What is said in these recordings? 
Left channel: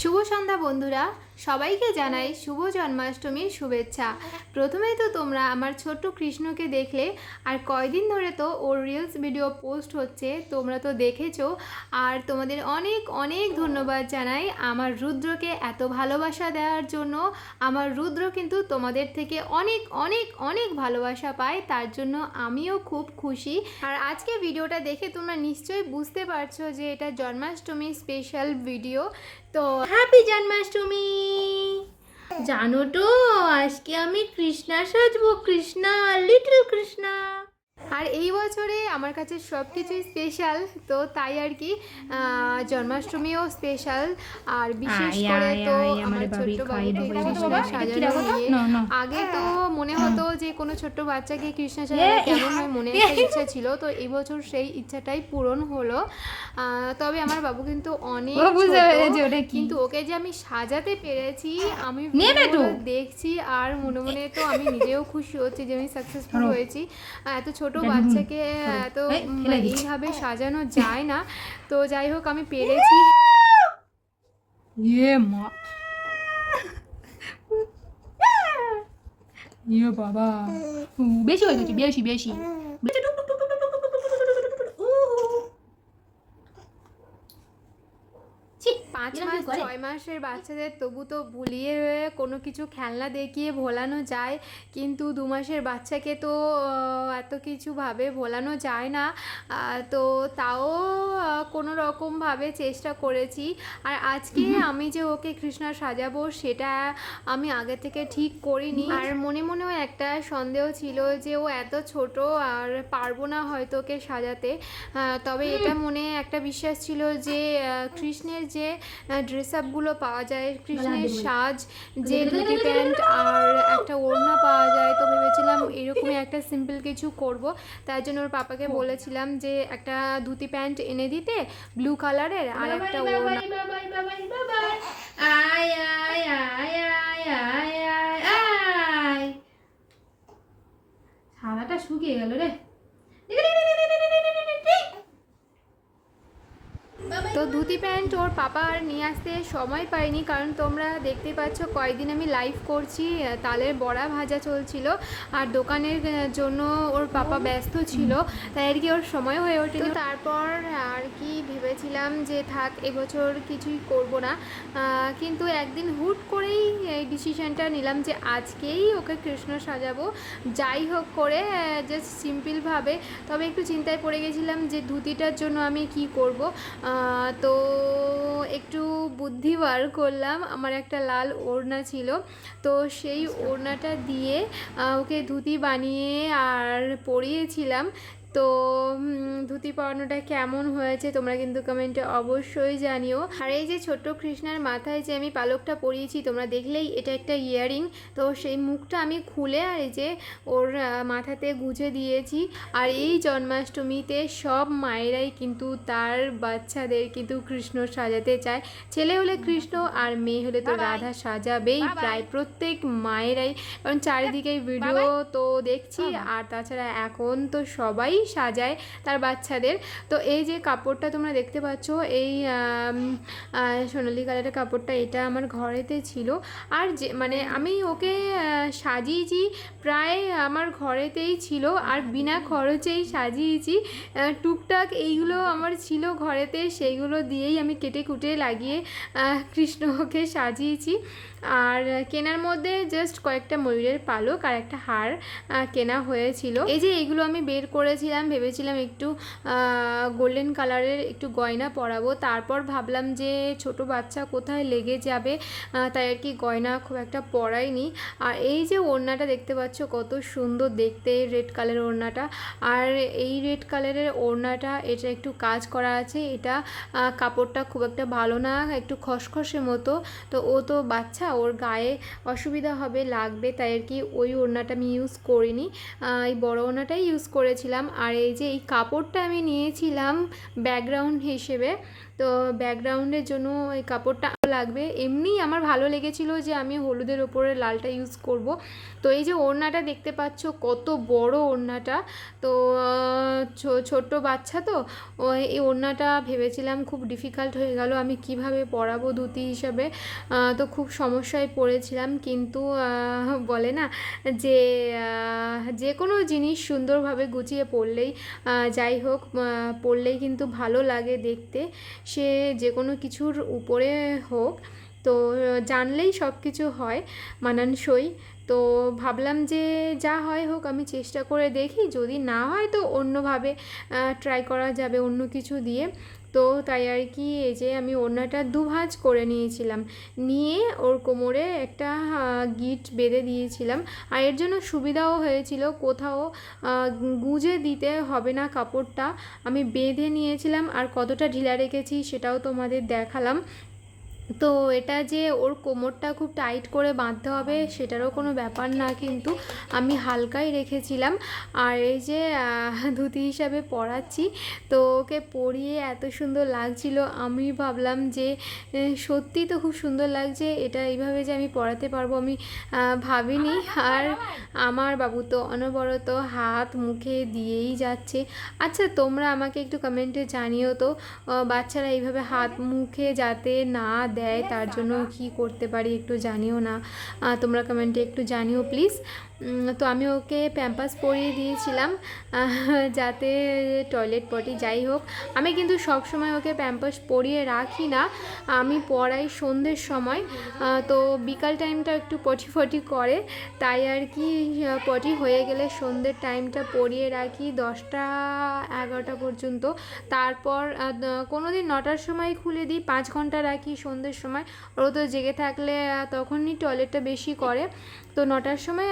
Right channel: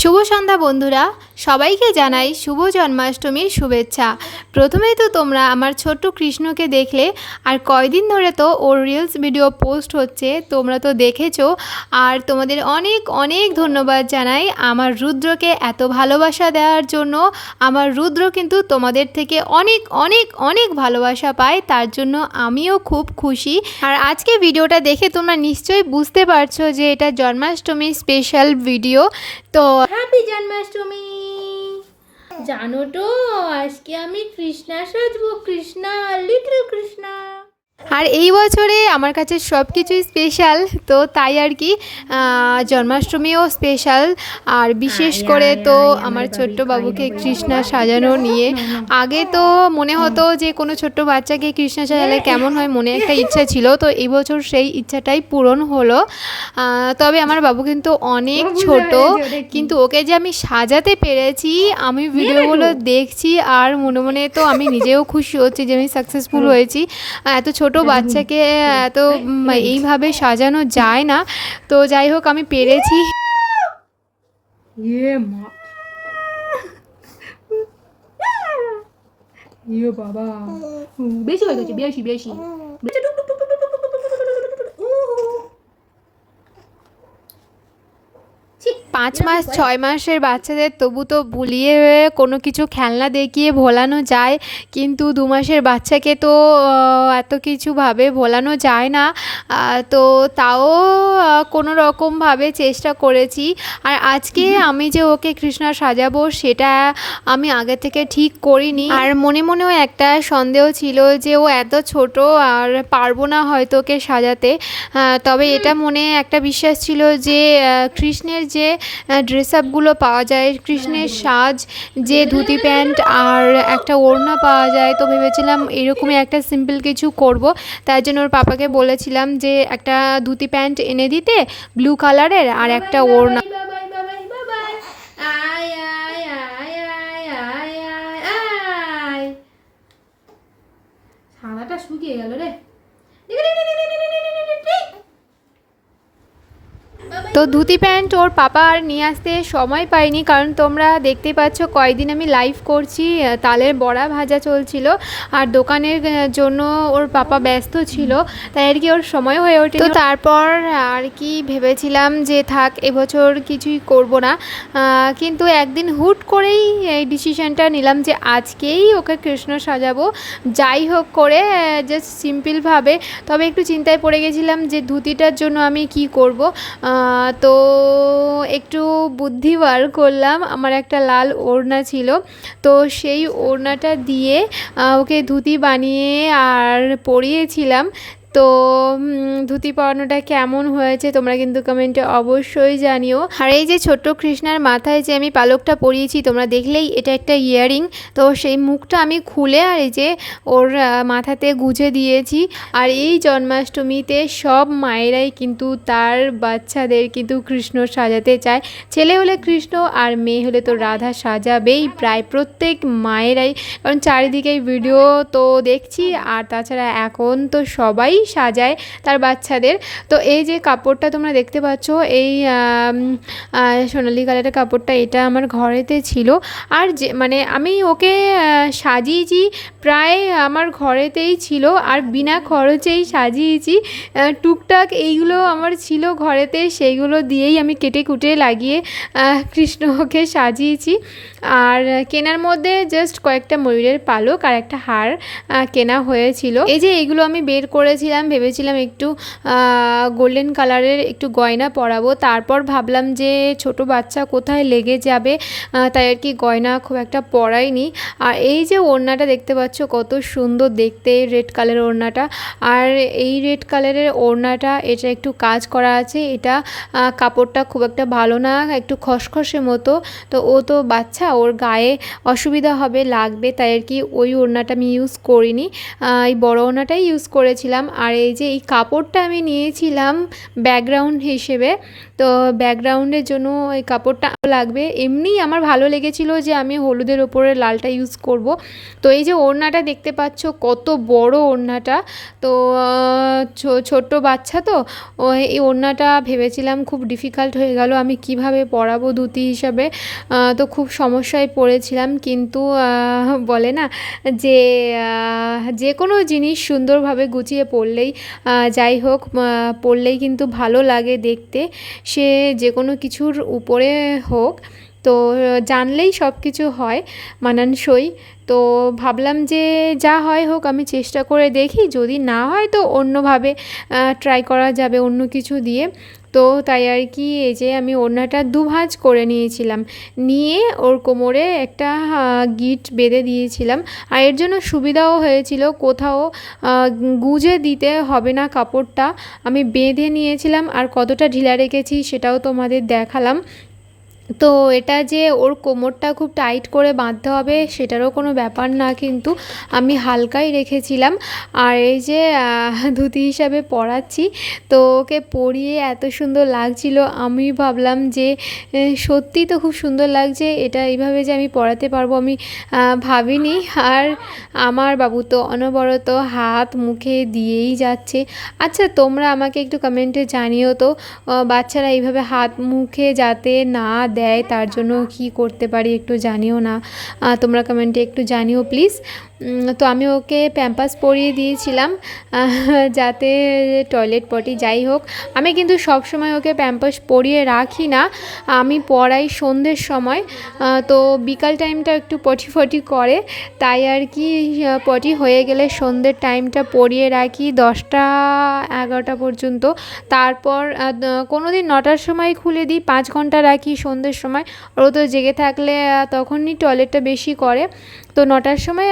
শুভ সন্ধ্যা বন্ধুরা, সবাইকে জানাই শুভ জন্মাষ্টমীর শুভেচ্ছা। প্রথমেই তো তোমরা আমার ছোট্ট কৃষ্ণকে দেখলে, আর কয়দিন ধরে তো ওর রিলস ভিডিও পোস্ট হচ্ছে, তোমরা তো দেখেছো। আর তোমাদের অনেক অনেক ধন্যবাদ জানাই আমার রুদ্রকে এত ভালোবাসা দেওয়ার জন্য। আমার রুদ্র কিন্তু তোমাদের থেকে অনেক অনেক অনেক ভালোবাসা পায়, তার জন্য আমিও খুব খুশি। আর আজকে ভিডিওটা দেখে তোমরা নিশ্চয়ই বুঝতে পারছো যে এটা জন্মাষ্টমীর স্পেশাল ভিডিও। তো হ্যাপি জন্মাষ্টমী। জানো তো আজকে আমি কৃষ্ণা সাজবো, কৃষ্ণা, লিটল কৃষ্ণা। আর এই বছরে আমার কাছে সব কিছুই স্পেশাল, তো তাই আর কি জন্মাষ্টমীও স্পেশাল। আর বিশেষ করে তো আমার ছোট্ট বাবুকে কৃষ্ণা সাজানো নিয়ে আগে তো মনে হতো যে কোনো ছোট্ট বাচ্চাকে কৃষ্ণা সাজালে কেমন হয়, মনে একটা ইচ্ছা ছিল। তো এই বছর সেই ইচ্ছাটাই পূরণ হলো। তবে আমার বাবু কিন্তু অনেক ছোট, কিন্তু ওকে যে আমি সাজাতে পেরেছি, আমি ভিডিওগুলো দেখছি আর মনে মনে তো আমি নিজেও খুশি হচ্ছি যে আমি সাকসেসফুল হয়েছি। এত ছোট বাচ্চাকে এত এইভাবে সাজানো যায় না। তো যাই হোক, আমি পেরেছি। বাবা বেশি হয়ে গেছে, বেশি বেশি। 5 মাস 6 মাসের বাচ্চাদের তবু তো বুলিয়ে কোনো কিছু খেলনা দেখিয়ে ভোলানো যায়, কিন্তু 2 মাসের বাচ্চাকে তো এত কিছুভাবে ভোলানো যায় না। তো তাও কোনো রকমভাবে চেষ্টা করেছি। আর আজকে আমি যে ওকে কৃষ্ণা সাজাবো সেটা আমি আগে থেকে ঠিক করিনি। আর মনে মনেও একটা সন্দেহ ছিল যে ও এত ছোট আর পারবো না হয়তো ওকে সাজাতে। তবে এটা মনে একটা বিশ্বাস ছিল যে কৃষ্ণের যে ড্রেস আপগুলো পাওয়া যায়, কৃষ্ণের সাজ, যে ধুতি প্যান্ট আর একটা ওড়না পাওয়া যায়, তো ভেবেছিলাম এরকমই একটা সিম্পল কিছু করব। তাই জন্য ওর পাপাকে বলেছিলাম যে একটা ধুতি প্যান্ট এনে দিতে ব্লু কালারের, আর একটা ওড়না। সাদাটা শুকিয়ে গেল রে। তো ধুতি প্যান্ট ওর পাপা আর নিয়ে আসতে সময় পায়নি, কারণ তোমরা দেখতেই পাচ্ছ কয়েকদিন আমি লাইভ করছি, তালের বড়া ভাজা চলছিল আর দোকানের জন্য ওর পাপা ব্যস্ত ছিল, তাই আর কি ওর সময় হয়ে ওঠে। তো তারপর আর কি ভেবেছিলাম যে থাক এবছর কিছুই করব না, কিন্তু একদিন হুট করেই এই ডিসিশনটা নিলাম যে আজকেই ওকে কৃষ্ণ সাজাবো, যাই হোক করে, জাস্ট সিম্পলভাবে। তবে একটু চিন্তায় পড়ে গেছিলাম যে ধুতিটার জন্য আমি কি করব। তো একটু বুদ্ধি বার করলাম, আমার একটা লাল ওড়না ছিল, তো সেই ওড়নাটা দিয়ে ওকে ধুতি বানিয়ে আর পরিয়েছিলাম। তো ধুতি পরানোটা কেমন হয়েছে তোমরা কিন্তু কমেন্টে অবশ্যই জানিও। আর এই যে ছোট্ট কৃষ্ণার মাথায় যে আমি পালকটা পরিয়েছি তোমরা দেখলেই, এটা একটা ইয়াররিং, তো সেই মুখটা আমি খুলে আর এই যে ওর মাথাতে গুঁজে দিয়েছি। আর এই জন্মাষ্টমীতে সব মায়েরাই কিন্তু তার বাচ্চাদের কিন্তু কৃষ্ণ সাজাতে চায়, ছেলে হলে কৃষ্ণ আর মেয়ে হলে তো রাধা সাজাবেই প্রায় প্রত্যেক মায়েরাই, কারণ চারিদিকে ভিডিও তো দেখছি। আর তাছাড়া এখন তো সবাই সাজায় তার বাচ্চাদের। তো এই যে কাপড়টা তোমরা দেখতে পাচ্ছ, এই সোনালি কালারের কাপড়টা, এটা আমার ঘরেতে ছিল। আর যে মানে আমি ওকে সাজিয়েছি প্রায় আমার ঘরেতেই ছিল, আর বিনা খরচেই সাজিয়েছি। টুকটাক এইগুলো আমার ছিল ঘরেতে, সেইগুলো দিয়েই আমি কেটে কুটে লাগিয়ে কৃষ্ণকে সাজিয়েছি। আর কেনার মধ্যে জাস্ট কয়েকটা ময়ূরের পালক আর একটা হার কেনা হয়েছিল। এই যে এইগুলো আমি বের করেছিলাম, ভেবেছিলাম একটু গোল্ডেন কালারের একটু গয়না পরাবো, তারপর ভাবলাম যে ছোট বাচ্চা কোথায় লেগে যাবে, তাই আর কি গয়না খুব একটা পরাইনি। আর এই যে ওড়নাটা দেখতে পাচ্ছ কত সুন্দর দেখতে, রেড কালারের ওড়নাটা। আর এই রেড কালারের ওড়নাটা এটা একটু কাজ করা আছে, এটা কাপড়টা খুব একটা ভালো না, একটু খসখসে মতো। তো ও তো বাচ্চা, ওর গায়ে অসুবিধা হবে, লাগবে, তাই আর কি ওই ওড়নাটা আমি ইউজ করিনি, এই বড় ওড়নাটাই ইউজ করেছিলাম। আর এই যে এই কাপড়টা আমি নিয়েছিলাম ব্যাকগ্রাউন্ড হিসেবে, তো ব্যাকগ্রাউন্ডের জন্য ওই কাপড়টা লাগবে। এমনি আমার ভালো লেগেছিল যে আমি হলুদের ওপরে লালটা ইউজ করব। তো এই যে ওড়নাটা দেখতে পাচ্ছ, কত বড় ওড়নাটা। তো ছোট্ট বাচ্চা তো এই ওড়নাটা ভেবেছিলাম খুব ডিফিকাল্ট হয়ে গেল, আমি কিভাবে পরাবো ধুতি হিসাবে। তো খুব সমস্যায় পড়েছিলাম, কিন্তু বলে না যে যে কোনো জিনিস সুন্দরভাবে গুছিয়ে পরলেই, যাই হোক, পরলেই কিন্তু ভালো লাগে দেখতে, সে যে কোনো কিছুর উপরে হোক। তো জানলেই সব কিছু হয় মানানসই। তো ভাবলাম যে যা হয় হোক, আমি চেষ্টা করে দেখি, যদি না হয় তো অন্যভাবে ট্রাই করা যাবে অন্য কিছু দিয়ে। তো তাই আর কি, এই যে আমি ওড়নাটা দুভাঁজ করে নিয়েছিলাম, নিয়ে ওর কোমরে একটা গিট বেঁধে দিয়েছিলাম। আর এর জন্য সুবিধাও হয়েছিল, কোথাও গুজে দিতে হবে না কাপড়টা, আমি বেঁধে নিয়েছিলাম। আর কতটা ঢিলা রেখেছি সেটাও তোমাদের দেখালাম। তো এটা যে ওর কোমরটা খুব টাইট করে বাঁধতে হবে সেটারও কোনো ব্যাপার না, কিন্তু আমি হালকাই রেখেছিলাম। আর এই যে ধুতি হিসাবে পরাচ্ছি, তো ওকে পরিয়ে এত সুন্দর লাগছিল, আমি ভাবলাম যে সত্যি তো খুব সুন্দর লাগছে, এটা এইভাবে যে আমি পরাতে পারবো আমি ভাবিনি। আর আমার বাবু তো অনবরত হাত মুখে দিয়েই যাচ্ছে। আচ্ছা, তোমরা আমাকে একটু কমেন্টে জানিও তো, বাচ্চারা এইভাবে হাত মুখে যাতে না দেয় তার জন্য কি করতে পারি একটু জানিও না, তোমরা কমেন্টে একটু জানিও প্লিজ। তো আমি ওকে প্যাম্পাস পরিয়ে দিয়েছিলাম যাতে টয়লেট পটি, যাই হোক আমি কিন্তু সব সময় ওকে প্যাম্পাস পরিয়ে রাখি না, আমি পড়াই সন্ধ্যের সময়। তো বিকাল টাইমটা একটু পটি ফটি করে, তাই আর কি পটি হয়ে গেলে সন্ধ্যের টাইমটা পরিয়ে রাখি 10টা-11টা পর্যন্ত। তারপর কোনো দিন 9টার সময় খুলে দিই, 5 ঘন্টা রাখি সন্ধ্যের সময়। ও তো জেগে থাকলে তখনই টয়লেটটা বেশি করে। তো 9টার সময়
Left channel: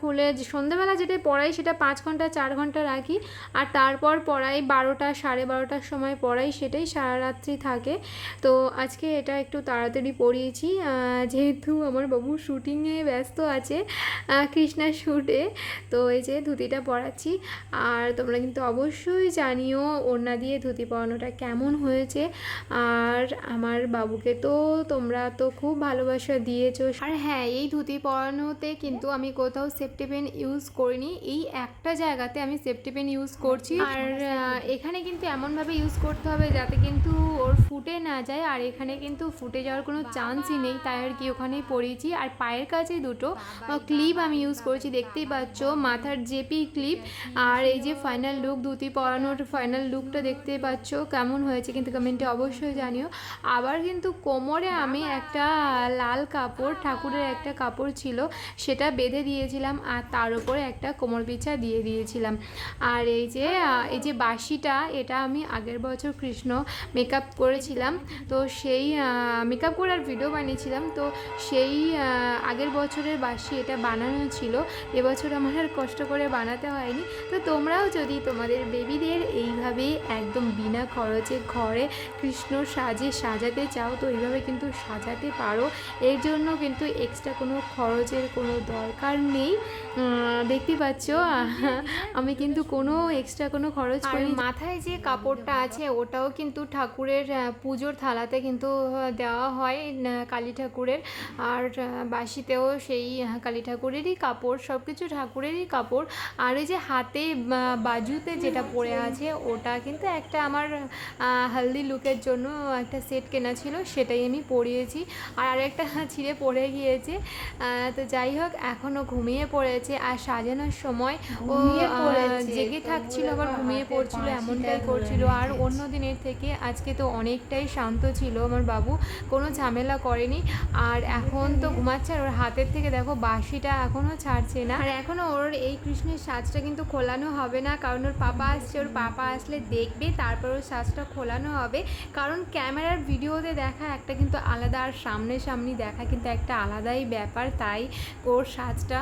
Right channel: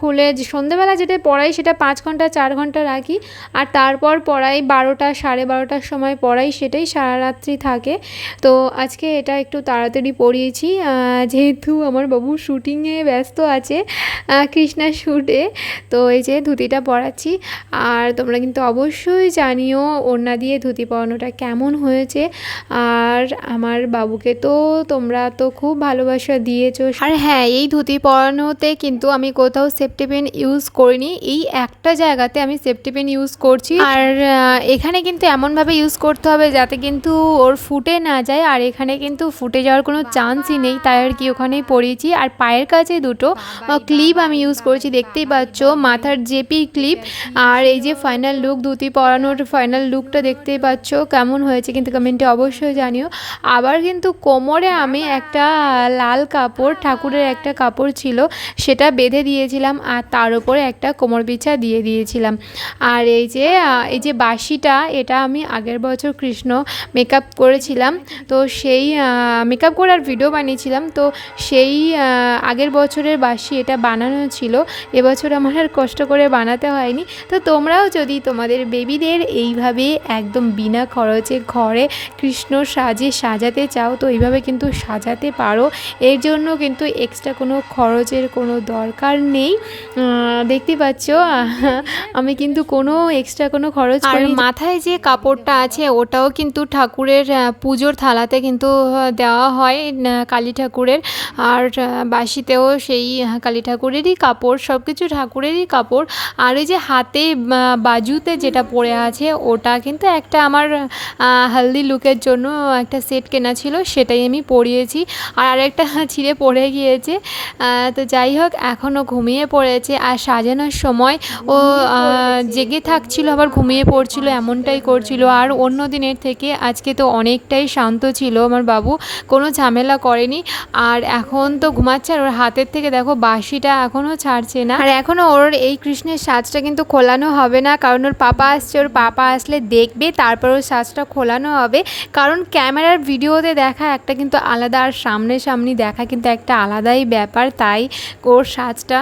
খুলে সন্ধ্যেবেলা যেটা পড়াই সেটা 5 ঘন্টা 4 ঘন্টা রাখি। আর তারপর পড়াই 12টা 12:30টার সময় পড়াই, সেটাই সারা রাত্রি থাকে। তো আজকে এটা একটু তাড়াতাড়ি পড়িয়েছি, যেহেতু আমার বাবু শ্যুটিংয়ে ব্যস্ত আছে, কৃষ্ণার শ্যুটে। তো এই যে ধুতিটা পরাচ্ছি। আর তোমরা কিন্তু অবশ্যই জানিও ওড়না দিয়ে ধুতি পরানোটা কেমন হয়েছে। আর আমার বাবুকে তো তোমরা তো খুব ভালোবাসা দিয়েছো। আর হ্যাঁ, এই ধুতি পরানোতে কিন্তু আমি কোথাও সেফটি পিন ইউজ করিনি, এই একটা জায়গাতে আমি সেফটি পিন ইউজ করছি। আর এখানে কিন্তু এমনভাবে ইউজ করতে হবে যাতে কিন্তু ওর ফুটে না যায়, আর এখানে কিন্তু ফুটে যাওয়ার কোনো চান্সই নেই, তাই আর কি ওখানেই পরিয়েছি। আর পায়ের কাছে দুটো ক্লিপ আমি ইউজ করেছি, দেখতেই পাচ্ছ, মাথার জেপি ক্লিপ। আর এই যে ফাইনাল লুক, ধুতি পরানোর ফাইনাল লুকটা দেখতেই পাচ্ছ কেমন হয়েছে, কিন্তু কমেন্টে অবশ্যই জানিও। আবার কিন্তু কোমরে আমি একটা লাল কাপড়, ঠাকুরের একটা কাপড় ছিল, সেটা বেঁধে দিয়েছিলাম, আর তার উপরে একটা কোমর বিছা দিয়ে দিয়েছিলাম। আর এই যে বাঁশিটা, এটা আমি আগের বছর কৃষ্ণ মেকআপ করেছিলাম, তো সেই মেকআপ করে আর ভিডিও বানিয়েছিলাম, তো সেই আগের বছরের বাঁশি এটা বানানো ছিল, এবছর আমার আর কষ্ট করে বানাতে হয়নি। তো তোমরাও যদি তোমাদের বেবিদের এইভাবে একদম বিনা খরচে ঘরে কৃষ্ণ সাজাতে চাও, তো এইভাবে কিন্তু সাজাতে পারো, এর জন্য কিন্তু এক্সট্রা কোনো খরচের কোনো দরকার নেই। দেখতে পাচ্ছ আমি কিন্তু কোনো এক্সট্রা কোনো খরচ করি। মাথায় যে কাপড়টা আছে ওটাও কিন্তু ঠাকুরের পুজোর থালাতে কিন্তু দেওয়া হয় কালী ঠাকুরের, আর বাঁশিতেও সেই কালী ঠাকুরেরই কাপড়, সব কিছু ঠাকুরেরই কাপড়। আর এই যে হাতে বাজুতে যেটা পরে আছে ওটা কিন্তু একটা আমার হলদি লুকের জন্য একটা সেট কেনা ছিল, সেটাই আমি পরিয়েছি। আর আরেকটা ছিঁড়ে পড়ে গিয়েছে। তো যাই হোক, এখনও ঘুমিয়ে পড়েছে। আর সাজানোর সময় ও জেগে থাকছিল আবার ঘুমিয়ে পড়ছিল, এমনটাই করছিল। আর অন্য দিনের থেকে আজকে তো অনেকটাই শান্ত ছিল আমার বাবু, কোনো ঝামেলা করেনি। আর এখন তো ঘুমাচ্ছে, আর ওর হাতের থেকে দেখো বাঁশিটা এখনও ছাড়ছে না। আর এখনও ওর এই কৃষ্ণের সাজটা কিন্তু খোলানো হবে না, কারণ ওর পাপা আসছে, ওর পাপা আসলে দেখবে তারপর ওর সাজটা খোলানো হবে। কারণ ক্যামেরার ভিডিওতে দেখা একটা কিন্তু আলাদা, আর সামনাসামনি দেখা কিন্তু একটা আলাদাই ব্যাপার, তাই ওর সাজটা